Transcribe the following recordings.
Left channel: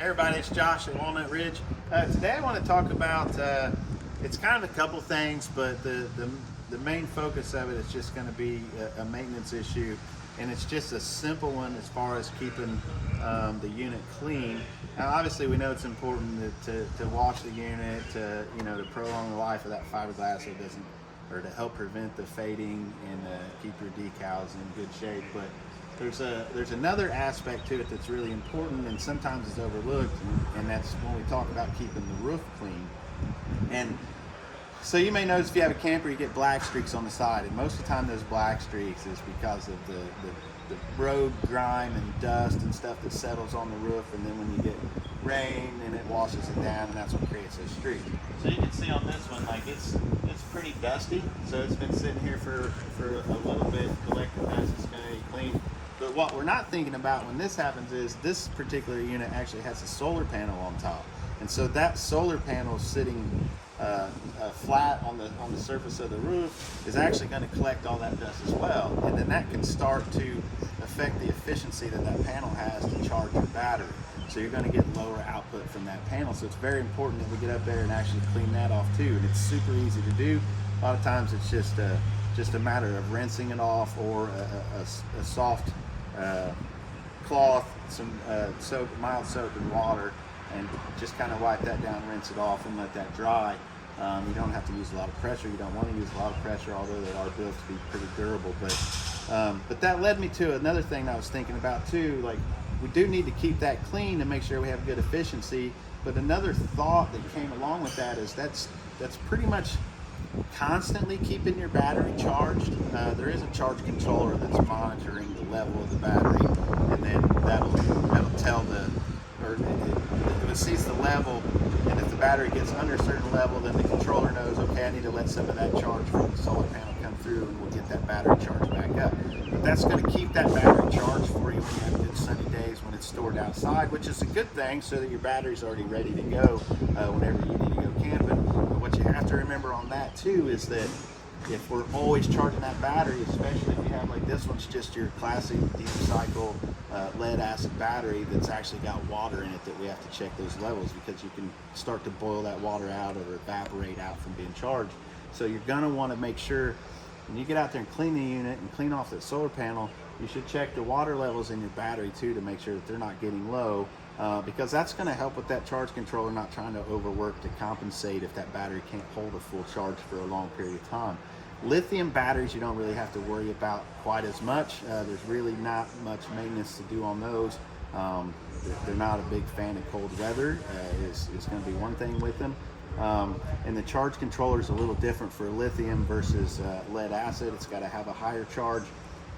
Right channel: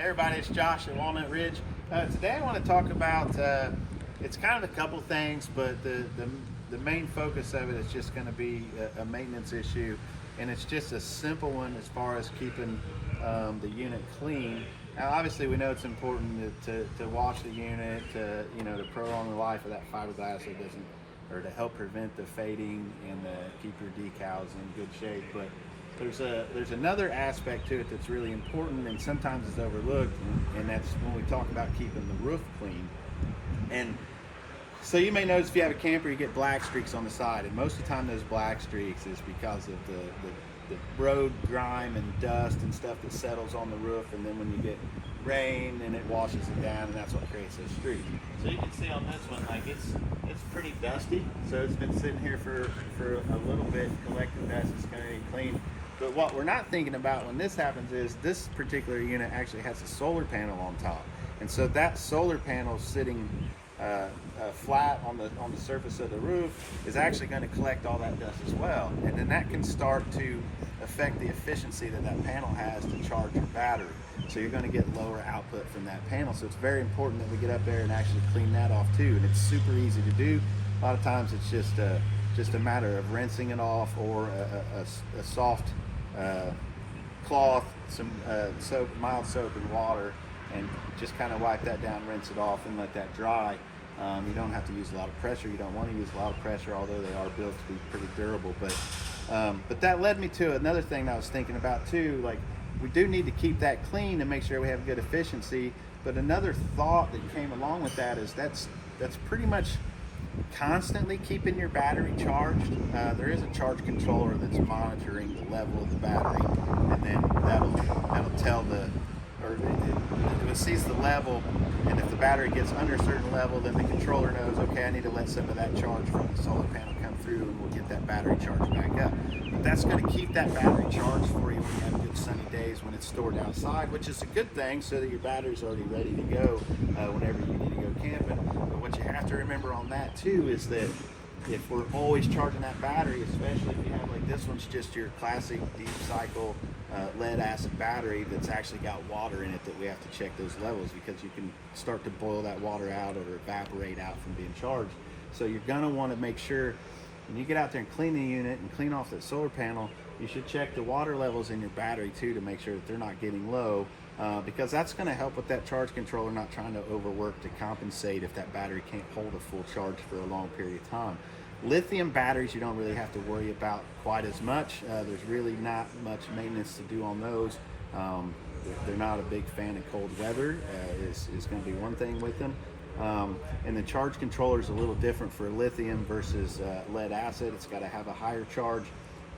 Hey everybody, it's Josh at Walnut Ridge. Today I want to talk about, it's kind of a couple things, but the main focus of it is just going to be a maintenance issue, and it's just a simple one as far as keeping the unit clean. Now obviously we know it's important to wash the unit, to prolong the life of that fiberglass so it doesn't, or to help prevent the fading and keep your decals in good shape. But there's another aspect to it that's really important and sometimes it's overlooked, and that's when we talk about keeping the roof clean. And so you may notice if you have a camper, you get black streaks on the side, and most of the time those black streaks is because of the road grime and dust and stuff that settles on the roof, and then when you get rain and it washes it down, and that's what creates those streaks. So you can see on this one, like it's pretty dusty, so it's been sitting here for a little bit, collecting dust. It's going to be clean. But what we're not thinking about when this happens is this particular unit actually has a solar panel on top, and so that solar panel sitting flat on the surface of the roof is actually going to collect all that dust as well, and then that can start to affect the efficiency that panel has to charge your battery. So you're going to get lower output from that panel. So it's very important that we get up there and actually clean that off too, and it's super easy to do. A lot of times it's just a matter of rinsing it off, or a soft cloth, some soap, mild soap and water, and just kind of wipe that down, rinse it off, and let that dry. You don't have to use a lot of pressure. You don't want to use a lot of pressure, although they are built to be pretty durable. But that led me to another thing I was thinking about too. Like, we do need to keep that clean and make sure we have good efficiency. But another thought that came along with that is that's pretty much constantly keeping your battery charged. There is a charge controller that's monitoring the level of the battery, and then that'll tell it sees the level, and if the battery gets under a certain level, then the controller knows, okay, I need to let some of that charge from the solar panel come through, and we'll get that battery charged back up. But that's going to keep that battery charged for you when you have good sunny days, when it's stored outside, which is a good thing, so that your battery's already ready to go whenever you need to go camping. But what you have to remember on that too is that if we're always charging that battery, especially if you have, like, this one's just your classic deep cycle lead acid battery that's actually got water in it, that we have to check those levels, because you can start to boil that water out or evaporate out from being charged. So you're going to want to make sure when you get out there and clean the unit and clean off that solar panel, you should check the water levels in your battery too, to make sure that they're not getting low, because that's going to help with that charge controller not trying to overwork to compensate if that battery can't hold a full charge for a long period of time. Lithium batteries, you don't really have to worry about quite as much. There's really not much maintenance to do on those. They're not a big fan of cold weather, is going to be one thing with them. And the charge controller is a little different for lithium versus lead acid. It's got to have a higher charge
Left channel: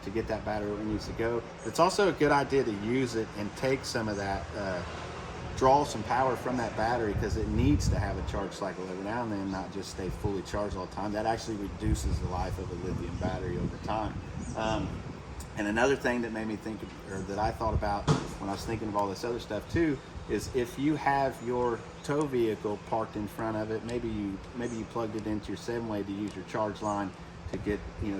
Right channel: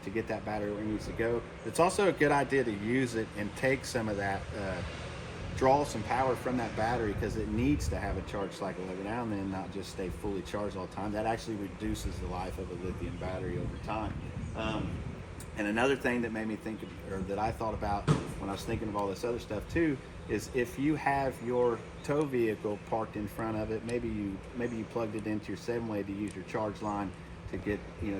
to get that battery where it needs to go. It's also a good idea to use it and take some of that, draw some power from that battery, because it needs to have a charge cycle every now and then, not just stay fully charged all the time. That actually reduces the life of a lithium battery over time. And another thing that made me think, or that I thought about when I was thinking of all this other stuff too, is if you have your tow vehicle parked in front of it, maybe you plugged it into your 7-way to use your charge line to get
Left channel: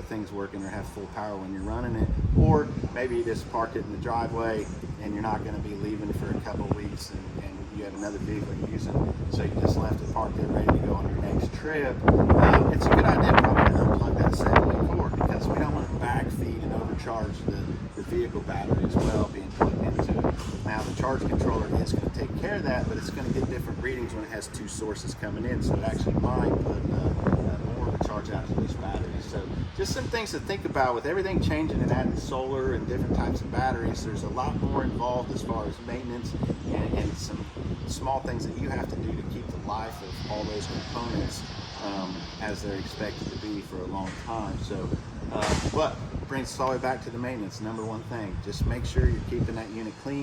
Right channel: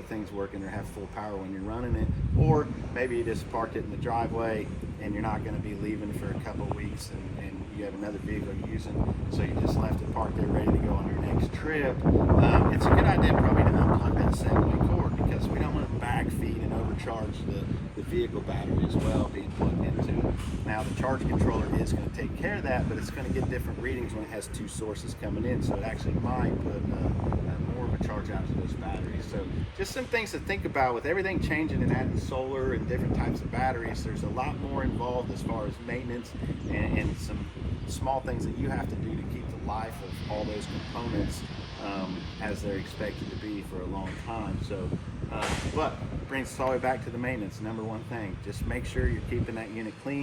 things working or have full power when you're running it, or maybe you just parked it in the driveway and you're not going to be leaving for a couple weeks, and you have another vehicle you're using, so you just left it parked there ready to go on your next trip. It's a good idea probably to unplug that 7-way cord, because we don't want to backfeed and overcharge the vehicle battery as well being plugged into it. Now the charge controller is going to take care of that, but it's going to get different readings when it has two sources coming in, so it actually might put more of a charge out to those batteries. So just some things to think about with everything changing and adding solar and different types of batteries. There's a lot more involved as far as maintenance and some small things that you have to do to keep the life of all those components as they're expected to be for a long time. So but brings us all the way back to the maintenance. Number one thing, just make sure you're keeping that unit clean.